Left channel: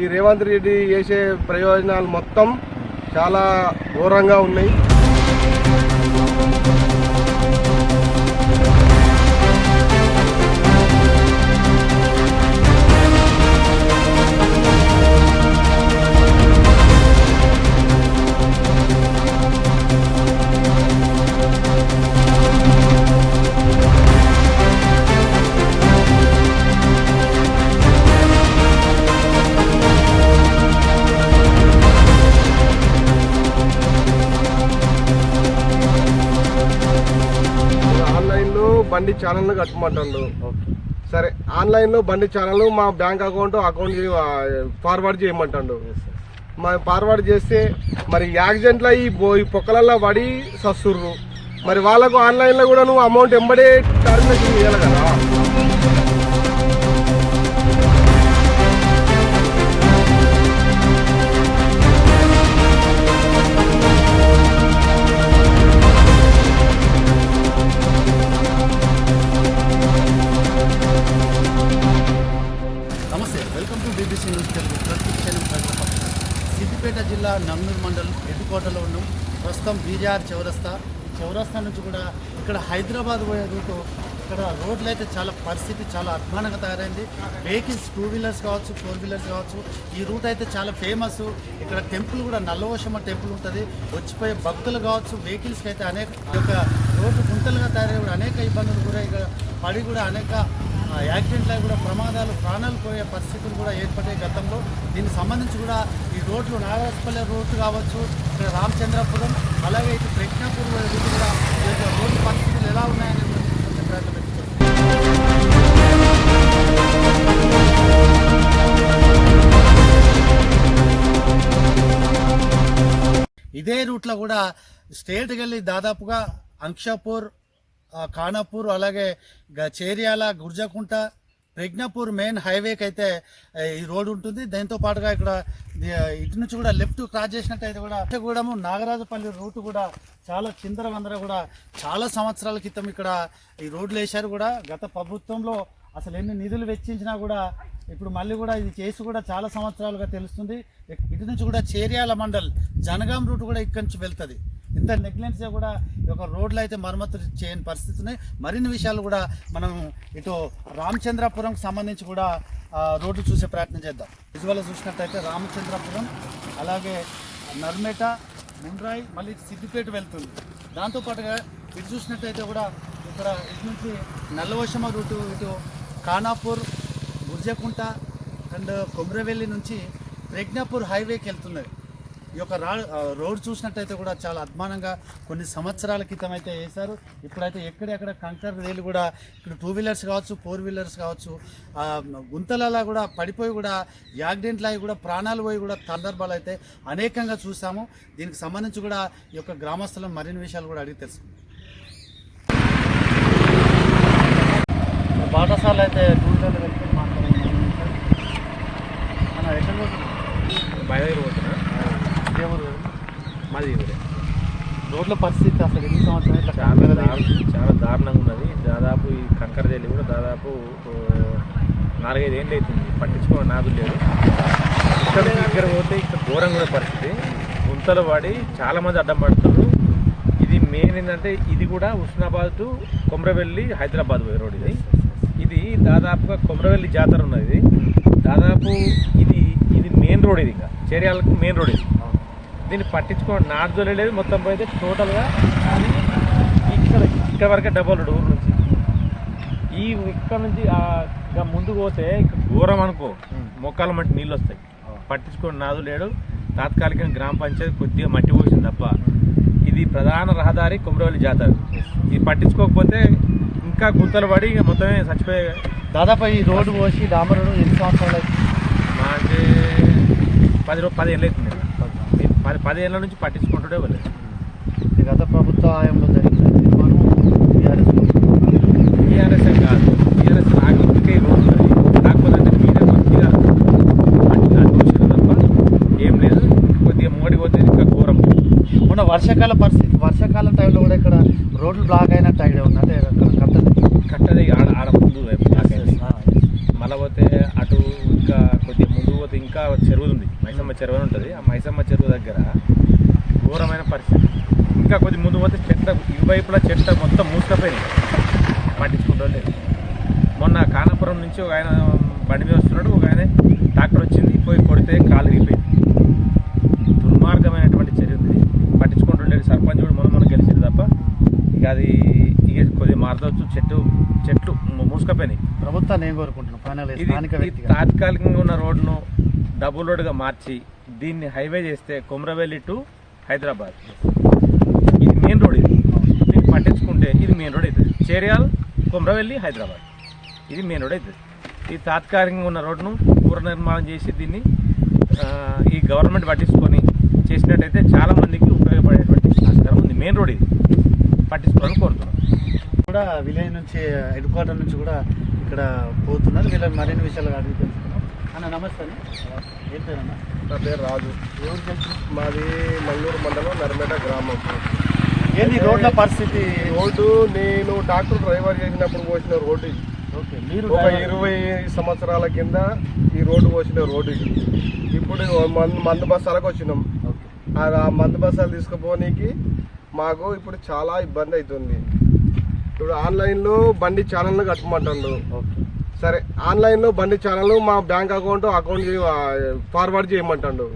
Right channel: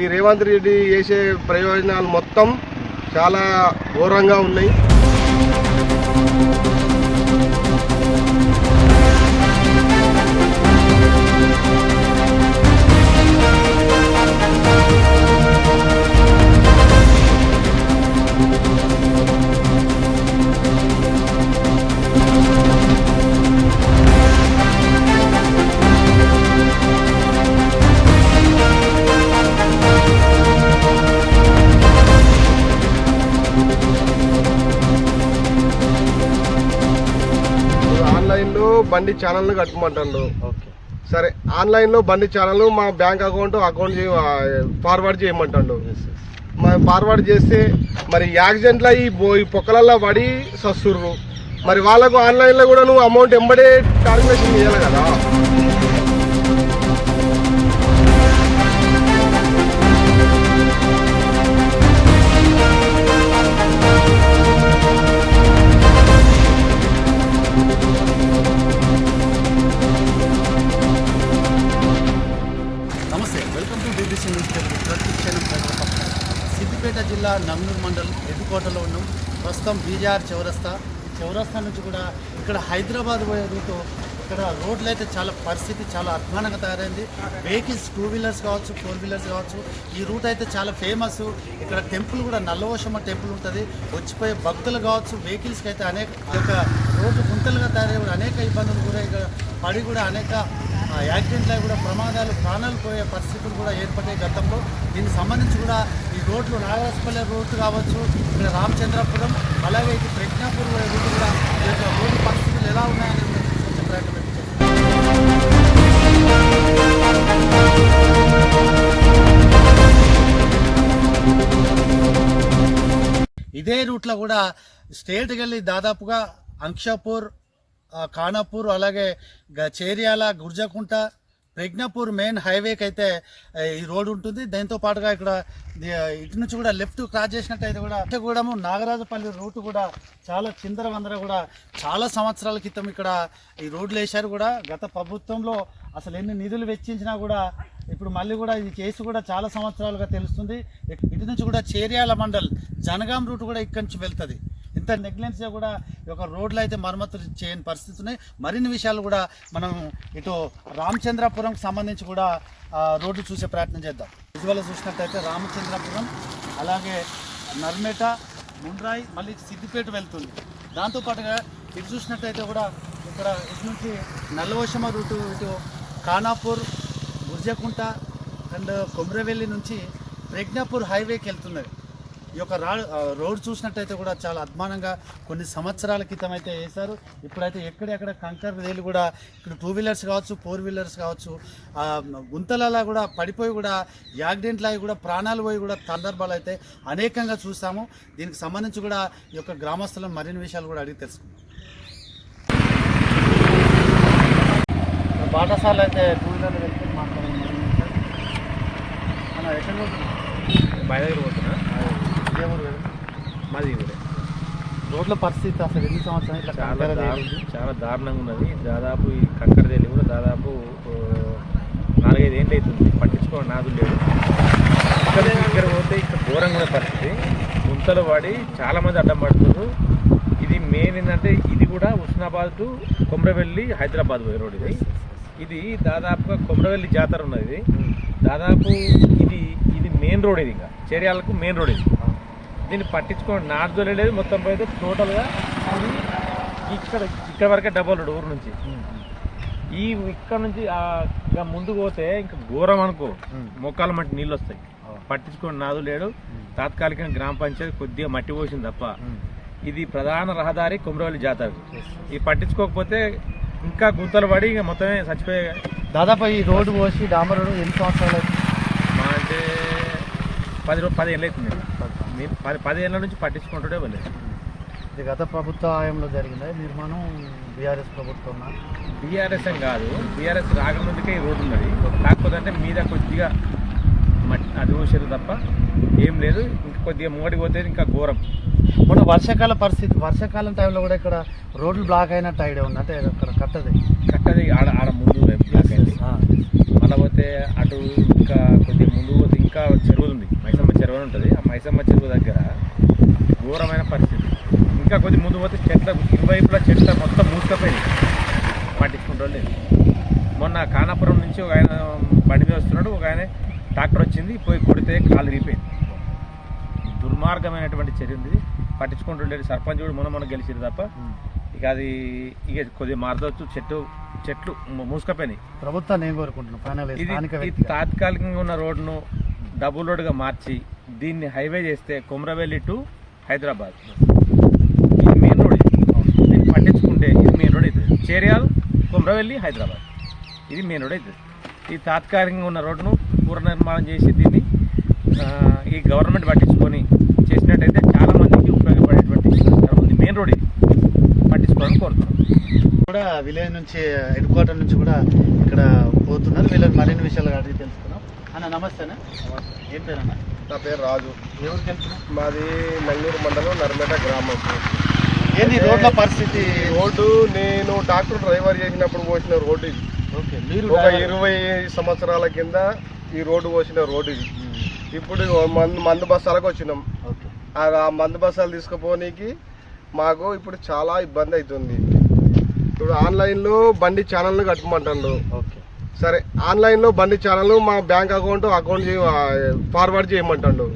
ఈ రేవంత్ రెడ్డి చేసే ప్రయోజనాలు మొత్తం చాలా ఘోరంగా ఉన్నాయి. ఆన్లైన్లో బండి ఛానల్ను కట్టమంటాడు. సరే, ఆన్లైన్లో బండి ఛానల్ మా బ్యాంక్ అకౌంట్ ఫార్వర్డ్ చేయమంటాడు. మరి ఫార్వర్డ్ చేస్తే మరి యాక్సిడెంట్లో ఈ పొక్కలల్లో పడి సస్తుర్రు. మరి వాళ్ళకు ఆన్లైన్లో కూడా నువ్వు అమౌంట్ ఎంబడే టార్మినేషన్ చేయాలి కదా. నమస్తే, welcome to DBC news Telugu. ప్రతిక్షణం ప్రజల పక్షం. సిద్దిపేట జిల్లా నమ్నూర్ మండల్ ఎడ్డుకోటలో ఉన్నాం. ప్రస్తుతం బీజార్ చౌరస్తా. ఈ చౌరస్తా నుంచి కూడా ఇక్కడ హైదరాబాద్ పోయే రూటు. ఇక్కడ రోడ్లు అయితే చాలా పరిస్థితి చాలా అధ్వానంగా తయారైంది. వెహికల్స్ 2 వీలర్స్ కావచ్చు, 4 వీలర్స్ కావచ్చు. ఈ రూట్ అయితే చాలా ఫేమస్. ఇక్కడ టెంపుల్ కూడా నల్లవోషమ్మ టెంపుల్ ఉంటుంది. వచ్చిపోయే భక్తులు కావచ్చు, వెహికల్స్కి అయితే అనేక రోడ్లు గుంతలుగా తయారై కూడా అనేక ఇబ్బందులు కూడా ఇక్కడ పడి కూడా అనేక యాక్సిడెంట్లు కూడా ప్రమాదాలు, ప్రాణాలు పోయే పరిస్థితులు కూడా ఏర్పడ్డాయి గతంలో. దీనికి సంబంధించి కూడా ఈ రోడ్లు నాగరాజపల్లి రూట్ కావచ్చు, ఇక్కడ రామచంద్రపురం, అలాగే ఇటు ప్రజ్ఞాపూర్ రూట్ కూడా రోడ్డు పరిస్థితులు ఎలా ఉన్నాయని కొంచెం ప్రయత్నం చేస్తాం. ఇదే రూట్లో కూడా స్ట్రేట్కి వెళ్ళి దాదాపుగా అంక్షాపూర్, ఖానాపూర్, అలాగే చేర్యాల, గుర్జకుంట, ప్రజ్ఞాపూర్ మెయిన్ హైవేకి అయితే ఈ రోడ్ ఉంటుంది. దాంతో పాటుగా ఇక్కడ ఇటు నుంచి కూడా లెఫ్ట్ క్రాస్ చేసినట్టయితే కూడా నాగరాజపల్లి రూట్ కూడా చాలా చిందరవందర కూడా చాలా సంవత్సరాల క్రితం ఇక్కడ ఈ రోడ్లు వేశారు. కూడా గత ప్రభుత్వంలో అసలు ఎన్ని నిధులు వెచ్చించినా కూడా ఇప్పుడు మళ్ళీ కూడా ఇది చేసి కూడా చాలా సంవత్సరాలుగా తెలుస్తుంది. ఇటు నుంచి కూడా చేర్యాల మండల్ జనగాం రూట్ కూడా ఇక్కడి నుంచి వెళ్తుంది. ఇంత నెగ్లెన్స్గా కూడా ఒక రోడ్లు అయితే మరమ్మతులు చేయని పరిస్థితి ఉన్నాయి. మరిన్ని విషయాలు కూడా మనం ఇటు రామచంద్రపురంకి సంబంధించి కూడా రోడ్డు చూసే ప్రయత్నం చేద్దాం. విజువల్ చూసినట్టయితే రామచంద్రపురం, అలాగే నర్మేట, ముండ్రాయి, మళ్ళీ సిద్దిపేట వెళ్తుంది. దాంతోపాటుగా ఇటు చూసినట్టయితే కూడా ఇక్కడ ఇటు నుంచి నల్లవోషమ్మ రూటు, ఇటు ఖానాపూర్, గుర్జకుంట అండ్ కొమ్రవెల్లి నుంచి ప్రజ్ఞాపూర్ హైవేకి వెళ్తున్నది. ఈ యొక్క రోడ్ చూసినట్టయితే కూడా చాలా అధ్వానంగా కొన్ని సంవత్సరాల క్రితం అయితే వేశారు. ఇప్పుడైతే ఎక్కడెక్కడ కంకర్ రేలు కూడా ఇక్కడ 2 వీలర్స్ కావచ్చు, 4 వీలర్స్ కావచ్చు, గుంతలలో కూడా పడిపోయి కూడా యాక్సిడెంట్లు అయి కూడా ప్రాణాలు పోయి కూడా సందర్భాలు అయితే అనేకంగా చూసాము. దీనికి సంబంధించి కూడా ఈ యొక్క గ్రామస్తులను మరిన్ని విషయాలు కూడా అడిగి తెలుసుకుందాం. పాఠశాల అయితే 2 వీలర్లు వెళ్తే మాట్లాడాలి. మన ఎక్కడ పోతున్నాం? బయలుదేరి పోతున్నా. ఇదే ఊరు కదా మాది ఊరే. రోడ్ల పరిస్థితి అసలు ఎన్ని సంవత్సరాలు ఇట్లా చాలా దారుణంగా ఉన్నది. దాదాపు ఈ కంకరదేలి కూడా దాదాపు 4-5 ఏళ్ళు అవుతుంది. పట్టించుకోవడం నాదు లేదు. ఇక్కడ పోతే ఇక్కడ ఘోరంగా ఉన్న పరిస్థితి. గుంతలు పడి చాలామంది అడ్డం పడుతున్నారు. ఇది మెయిన్ ఏంటంటే ఇది కూడా హుస్నాబాద్ టు కొమ్రవెల్లి హైదరాబాద్ పోయే రోడ్. ఇది దాదాపుగా కొమ్రవెల్లి జాతర ఉన్నది. దాదాపు ఇది మెయిన్ రోడ్. ఇది ఇంకా చేర్యాలకు మెయిన్ రోడ్. ఇది దీన్ని పట్టించుకోండి నార్జోలే లేదు. మొత్తం పోయితే టోటల్గా ఇది ఇక్కడ వరకే డబల్ రోడ్ ఊరు నుంచి. ఇక్కడ నుంచి ముందుకు పోతే ఇంకా ఘోరం అనుకో, మొక్కల మట్టి నీళ్ళు వస్తాయి. పట్టించుకోండి నాదు లేడు. తాత్కాలికంగా గ్రామ పంచాయతీ కొద్దిగా మట్టి పోసింది తప్ప. ఇది ప్రధాన రహదారి కొమ్రవెల్లి జాతర. ఇది పట్టించుకోకపోతే ఇంకా గుంతలు పడి ఇక మొత్తమే చచ్చిపోయే. దాదాపు ఈ రోడ్డు పోసి డాంబర్ రోడ్డు ఎన్ని సంవత్సరాలు అయితే మా అంటే 10 ఏళ్ళు అవుతుంది. 10 ఏళ్ళ నుంచి పట్టించుకుంటుండే వెళ్ళలేదు. గత ప్రభుత్వ హయాంలో జరిగింది నిర్మాణం. బీఆర్ఎస్ కాదు, బీఆర్ఎస్ రాకముందుకే ఈ రోడ్డు ఉన్నది. కాకపోతే అంటే మీద కొద్దిగా అది చూసారు తప్ప ఏం లేదు. కొద్దిగా మోడీ పోతే ఇంకా ఘోరం. మన వర్షాకాల పరిస్థితి, వర్షాకాలం టైంలో కూడా ఇక్కడ రోడ్లు బ్లాక్ అయినట్టు ఐడియా ఉంది, అంటే అక్కడ కట్టది ఆడ ముందు వైపు బ్లాక్ అయింది. మళ్ళీ పోతే అటు ఇంకా కొద్దిగా ముందు పోతే ఇంకా చెరువు ఉంది, మైసమ్మ చెరువు అని ఉంటుంది. ఆ మైసమ్మ చెరువు దగ్గర ఘోరమైన పరిస్థితి. ఇంకా కొద్ది ముందు పోతే చెట్ల ఇరువైపులా చెట్ల మొత్తం మూసుకపోయినాయి, పట్టించుకుంటూ లేదు. మొన్న కానాపురం నుంచి ఒక ఆయన బండి మీద వస్తున్నాడు, ఒక ఆయన ట్రాక్టర్ వచ్చింది, పోయి కొడితే కాలు రిగిపోయింది. దుర్మార్గమైనటువంటి చర్య ఉంది, పట్టించుకుంటుండేది. సర్పంచ్ కూడా మొన్న గెలిచింది తప్ప ఇక అది ఇక కొద్దిగా మారదవచ్చు. చెట్లు మూసుకపోయినాయి. ప్రభుత్వాన్ని ఏం కోరుకుంటున్నాం? ఇది తాత్కాలికంగా ఉన్న రోడ్డును డబుల్ రోడ్డుగా మార్చి దీన్ని హైవే చేస్తే కొమరవెల్లి టు హైదరాబాద్ ఇది మెయిన్ రోడ్. దీన్ని పట్టించుకుంటే ఇది మెయిన్ రోడ్ అవుతుంది. చేర్యాల్ కొమరవెల్లి హైదరాబాద్ ఇది మెయిన్ రోడ్ అవుతుంది. ఈ తాత్కాలికంగా ఉన్న రోడ్డును పునర్నిర్మాణం చేసి దీన్ని ఈ గవర్నమెంట్ పట్టించుకొని చేసినట్టయితే చాలామందికి ఉపయోగపడేటువంటి ఆస్కారం ఉంది. మెయిన్ రోడ్ ఇది పట్టించుకోవాలని కోరుతున్నాం. కూడా విలేజ్ నుంచి హెడ్ క్వార్టర్ నుంచి కూడా ఇక్కడ పోతున్నారు. వీళ్ళని మరిన్ని విషయాలు అడిగి తెలుసుకున్నాం. అన్న నమస్తేనా? ఏం పేరన్న? నా పేరు రాజు. ఎవరికి వెళ్తున్నాం? మాది నంగూరు మండలం నర్మేట గ్రామం. ఏంది రోడ్ల పరిస్థితి? రోడ్డు నేను డాక్టర్ డ్రైవర్ చేసినప్పుడు పోసిన రోడ్డు ఇది. ఓకే, మీరు ఒక 20 సంవత్సరాల కింద ఈ రోడ్డు పోసిన రోడ్డు ఇది. ఇప్పుడు మందు బస్సాలకు వచ్చినాం. ఓకే, ఆ మందు బస్సాలు తీసుకుపోనీకి మాకు ఇప్పుడు చాలా ఇబ్బంది అవుతుంది. ఇప్పుడు ఆన్లైన్లో బండి ఛానల్ను కట్టమంటాడు. ఓకే, సరే ఆన్లైన్లో బండి ఛానల్ మా బ్యాంక్ అకౌంట్ ఫార్వర్డ్ చేయమంటాడు.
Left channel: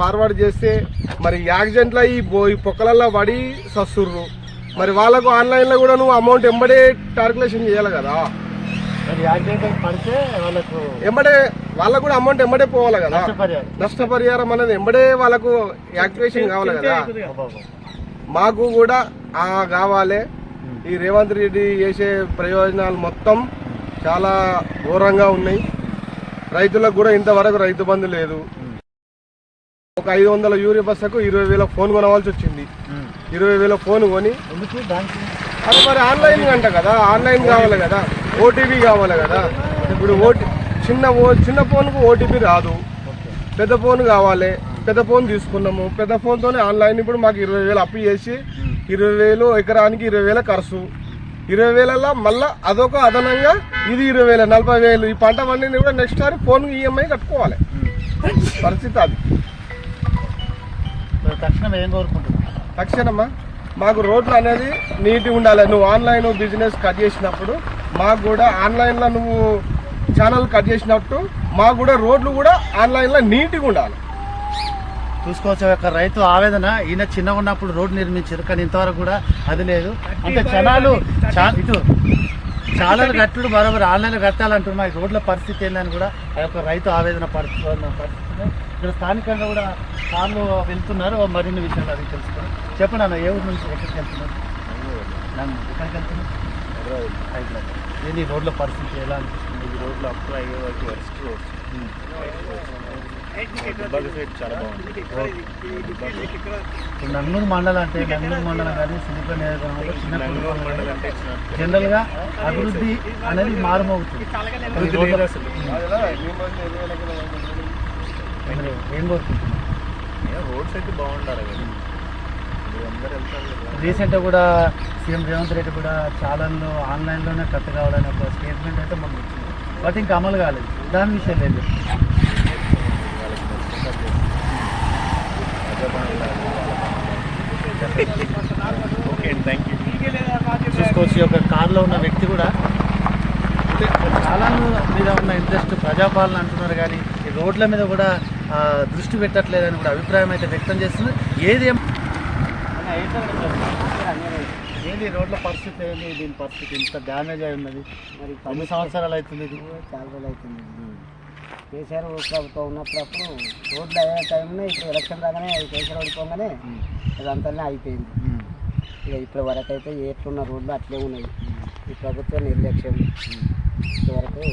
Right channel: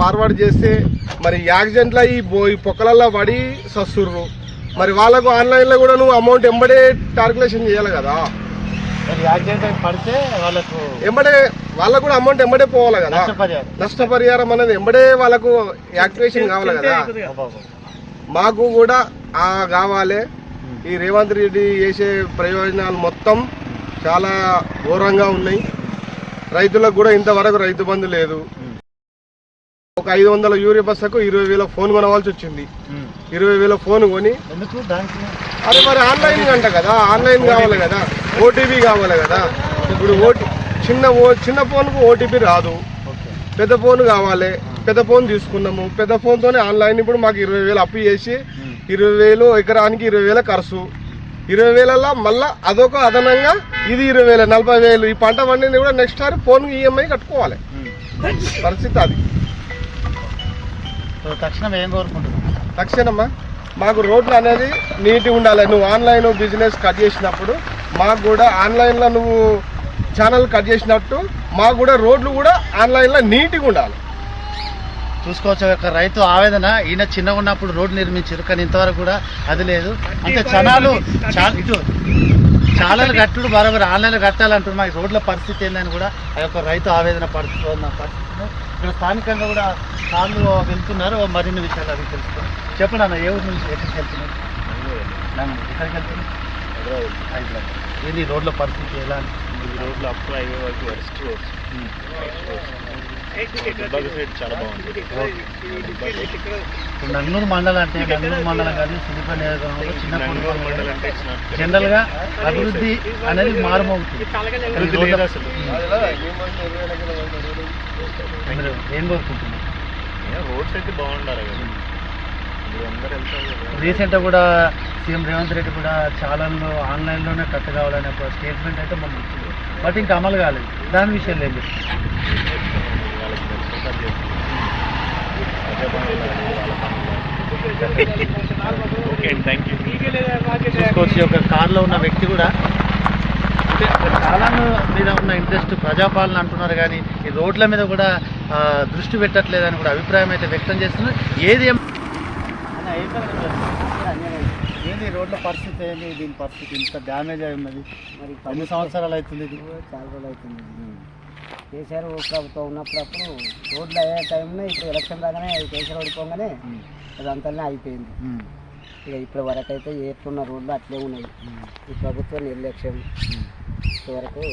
ఫార్వర్డ్ చేస్తే మరి యాక్సిడెంట్లో ఈ పొక్కలల్లో పడి సస్తుర్రు. మరి వాళ్ళకు ఆన్లైన్లో కూడా నువ్వు అమౌంట్ ఎంబడే క్యాల్కులేషన్ చేయాలి కదా. మరి యాక్సిడెంట్ పడితే వాళ్ళకు వాళ్ళకు కూడా అమౌంట్ ఎంబడే పోవాలి కదా. నష్టపరిహారం అనేది ఎంబడే వాళ్ళకు యాక్టివేషన్ కావాలి కదా. మాకు కూడా కావాలి. ఈ రేవంత్ రెడ్డి చేసే ప్రయోజనాలు మొత్తం చాలా ఘోరంగా ఉన్నాయి. రైతులకు కూడా ఇంతవరకు రైతు బంధు లేదు. ఒక 500 యూరియా బస్సుకు 20,000 ఫోన్ కొనవలసి వచ్చింది. 20,000 ఫోన్ కొని అరే మరి ఆన్లైన్ అంట కదా, ఆన్లైన్ కావాలి కదా, ఓటీపీ కావాలి కదా. ఇప్పుడు చిన్న ఫోన్కు ఓటీపీ రాదు, పెద్ద ఫోన్ కావాలి. పెద్ద ఫోన్ తీసుకున్నాము, పెద్ద ఫోన్తోనే ఆన్లైన్. ఇప్పుడు మాకు 20,000 అప్పు చేసి 20,000 ఎకరానికి 20,000 ఖర్చు. 20,000 మళ్ళీ అదొక అదనంగా ఇది 20,000 40,000. ఈ పంట పండింది కూడా నెక్స్ట్ సారి ఫోన్ ఈఎంఐ కట్టుకోవాలి. పరిస్థితి అది. తక్షణం ఏం కోరుకుంటున్నాం? తక్షణమా మాకు రోడ్లు అనేది నీట్గా ఉండాలి. నువ్వు ఆన్లైన్ బిజినెస్ కట్ చేసినప్పుడు మాకు కూడా ఆన్లైన్లో నువ్వు ఛానల్ కట్ చేసినట్టు మాకు కూడా రోడ్లు కూడా ఆన్లైన్లో నీట్గా ఉండాలి. చూసుకోవచ్చు, ఒక రైతు ఆవేదన. ఈయన చిన్నగా ఉన్నప్పుడు రోడ్డు నిర్మించారు, కానీ ఇంతవరకు కూడా అది లేదు. అంటే ఛానల్ కట్టుడు బరాబర్ ఆన్లైన్లో కట్టాలంటున్నారు. ఈ రోడ్ల పరిస్థితి ఏందని కూడా ఆ యొక్క రైతు ఆవేదన పడుతున్న పరిస్థితి. ఇక్కడ స్థానికంగా కూడా కార్లు వెళ్తున్నారు. మరిన్ని విషయాలు అడిగి తెలుసుకున్నారు. చెప్పండి అన్న, ఏ ఊరు నుంచి ఎక్కడికి వెళ్తున్నారు? ఎక్కడికి వెళ్తున్నారు? హైదరాబాద్. ఏంటి రోడ్ల పరిస్థితి ఎలా అనిపిస్తుంది? ఈ రోడ్లు అప్ హైవే వరకు వరస్ట్ రోడ్స్. దుబ్బాక సైడ్ చాలా బాగుంటుంది. ఇప్పుడు నంగూరు మండలం అంటే నంగూరు మండలం కానీ సిద్దిపేట నియోజకవర్గంలో చిన్న మండలం అంటే జనరల్గా అభివృద్ధి అనేది మారుమోగుతుంది. ఏం కోరుకుంటున్నాం? రోడ్స్ అయితే బాగుండాలి కదా, అందరూ వెళ్తారు. రీసెంట్గా కూడా సీఎం రేవంత్ రెడ్డి కూడా ఛానల్లో ఆన్లైన్లోనే కట్ కావాలనే ఒక స్టేట్మెంట్ అయితే మనం వచ్చింది, బట్ ఇంకా అమలు కాలేదు. దాని విషయంలో ఏం చెప్తారు? ఓకే అండి, థ్యాంక్ యూ. చూసుకోవచ్చు, ఒక కార్లో ఉన్న వ్యక్తి కూడా ఛానల్ మీద ఉన్న ఇంట్రెస్ట్ ప్రజాపాలన అంటున్నారు, కానీ ఈ రోడ్ల మీద కూడా దృష్టి పెట్టట్లేదని కూడా అభిప్రాయం అయితే వ్యక్తం చేస్తున్నారు. ఏంటి రోడ్ల పరిస్థితి ఏంటి? దీని పరిస్థితి ఇంత డ్యామేజ్ అయి ఉన్నది. మరి 10 సంవత్సరాలు అవుతుంది, ఇది చాలా రోజులు అవుతుంది. కేసీఆర్ ప్రభుత్వం ఉన్నప్పుడు రోడ్లు అయ్యే టైంలో ఇప్పుడు ఎలక్షన్ రాగానే కేసీఆర్ ఓడిపోగానే అదంతానే అయిపోయింది. ఇక ఇప్పటి వరకు అయితే ఎట్లున్న రోడ్లు అట్లే ఉన్నాయి. ఈ ప్రభుత్వ నిర్లక్ష్యం ఇంతవరకు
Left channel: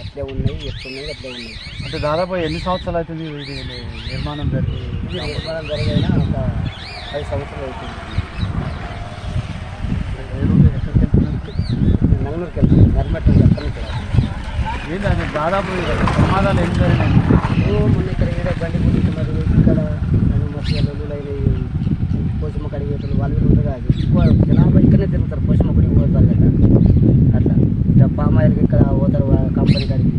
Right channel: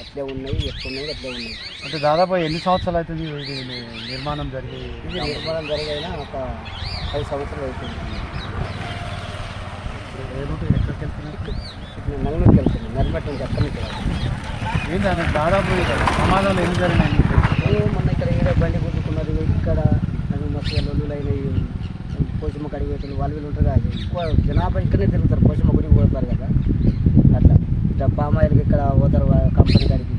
అట్లే ఉన్నాయి, ఎట్లున్నాయి అట్లే ఉన్నాయి. అంటే దాదాపు ఎన్ని సంవత్సరాలు అవుతుంది ఇది నిర్మాణం జరిగి? ఇది నిర్మాణం జరిగైనా ఒక 10 సంవత్సరాలు అవుతుంది. ఏ రోడ్డు ఎక్కడికి వెళ్తున్నారు? నంగనూరుకి వెళ్తుంది, నర్మేట నుంచి అక్కడి నుంచి ఏంటంటే దాదాపు ప్రమాదాలు ఏం జరిగినాయి? మొన్న ఇక్కడ ఏదో బండి కుట్టుకున్నారు, ఇక్కడ మస్తు లొల్లులు అయినాయి. వాళ్ళు వీళ్ళు ఉంటారు కదా, ఎక్కువ జనాభా ఇక్కడనే తిరుగుతారు, పోషమ్మ గుడికి పోతారు కదా, అట్లా ఇట్లా పామ్ ఆయిల్కి ఇక్కడ పోతారు కంపెనీ కాడికి.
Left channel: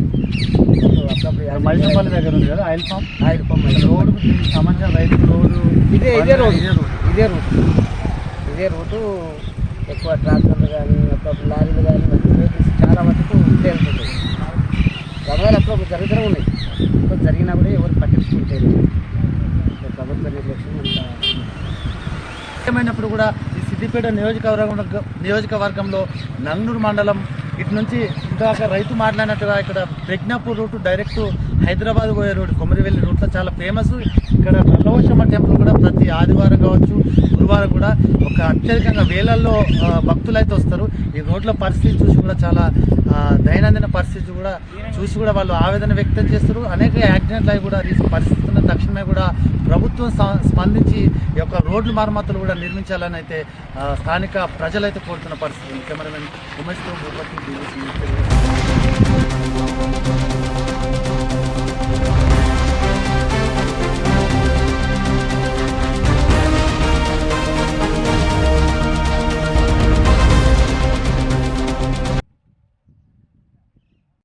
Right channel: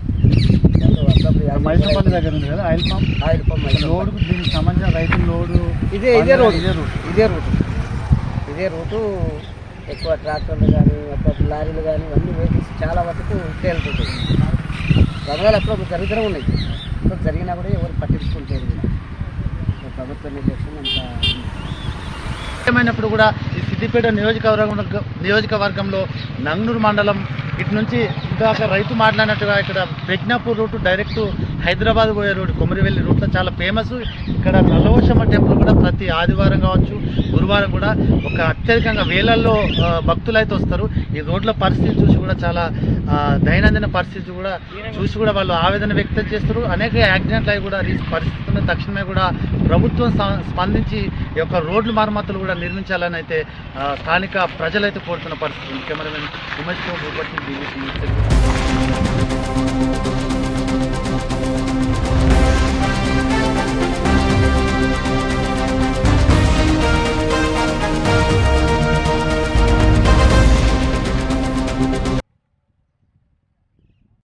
మైసంపల్లి దగ్గర ఉంది కదా oil palm. Oil palm road దీనికి సంబంధించిన రైతులు లోడు ఇదే రూటు ఎక్కువ ట్రాక్టర్లు కానీ అప్పుడప్పుడు లారీలు కానీ ఇవన్నీ వెహికల్స్ చాలా వరకు ఇదే వెళ్తుంటాయి. ప్రమాదాలు అప్పుడప్పుడు జరుగుతూనే ఉన్నాయి, ఇప్పుడు జరిగినా కూడా ఎవరు పట్టించుకుంటారు. ప్రభుత్వ నిర్లక్ష్యం అంతా. ఏమైనప్పుడు కూడా ఈ సిద్దిపేట నియోజకవర్గంలో నంగనూరు మండలం ఇటు నుంచి ఇందాక రైతు మాట్లాడినట్టుగా ఇక్కడ ప్రజ్ఞాపూర్ రూటు డైరెక్ట్ హైదరాబాద్ పోయే రోడ్డు కొమరివెల్లి రూట్లో చాలా ఫేమస్. ఇక్కడ నల్లవశమ్మ టెంపుల్ కూడా ప్రతి ఆదివారం కావచ్చు గురువారం కూడా ఒక అత్యధికంగా వేలల్లో భక్తులు అయితే వస్తారు. ఈ రోడ్ల పరిస్థితి చూసి కూడా చాలా దైనందిన పరిస్థితి కూడా చూసి కూడా వాళ్ళు ఆవేదన వ్యక్తం చేస్తారు. అనేక యాక్సిడెంట్లు అవి కూడా పరిస్థితున్న తక్షణమే కూడా ప్రభుత్వం స్పందించి ఈ యొక్క రోడ్ల మరమ్మతులు కూడా నిర్మించాలని అయితే స్థానిక ప్రజలైతే కోరుతున్న పరిస్థితి. కెమెరామెన్ ఉమేష్తో భూపతి, BBC తెలుగు.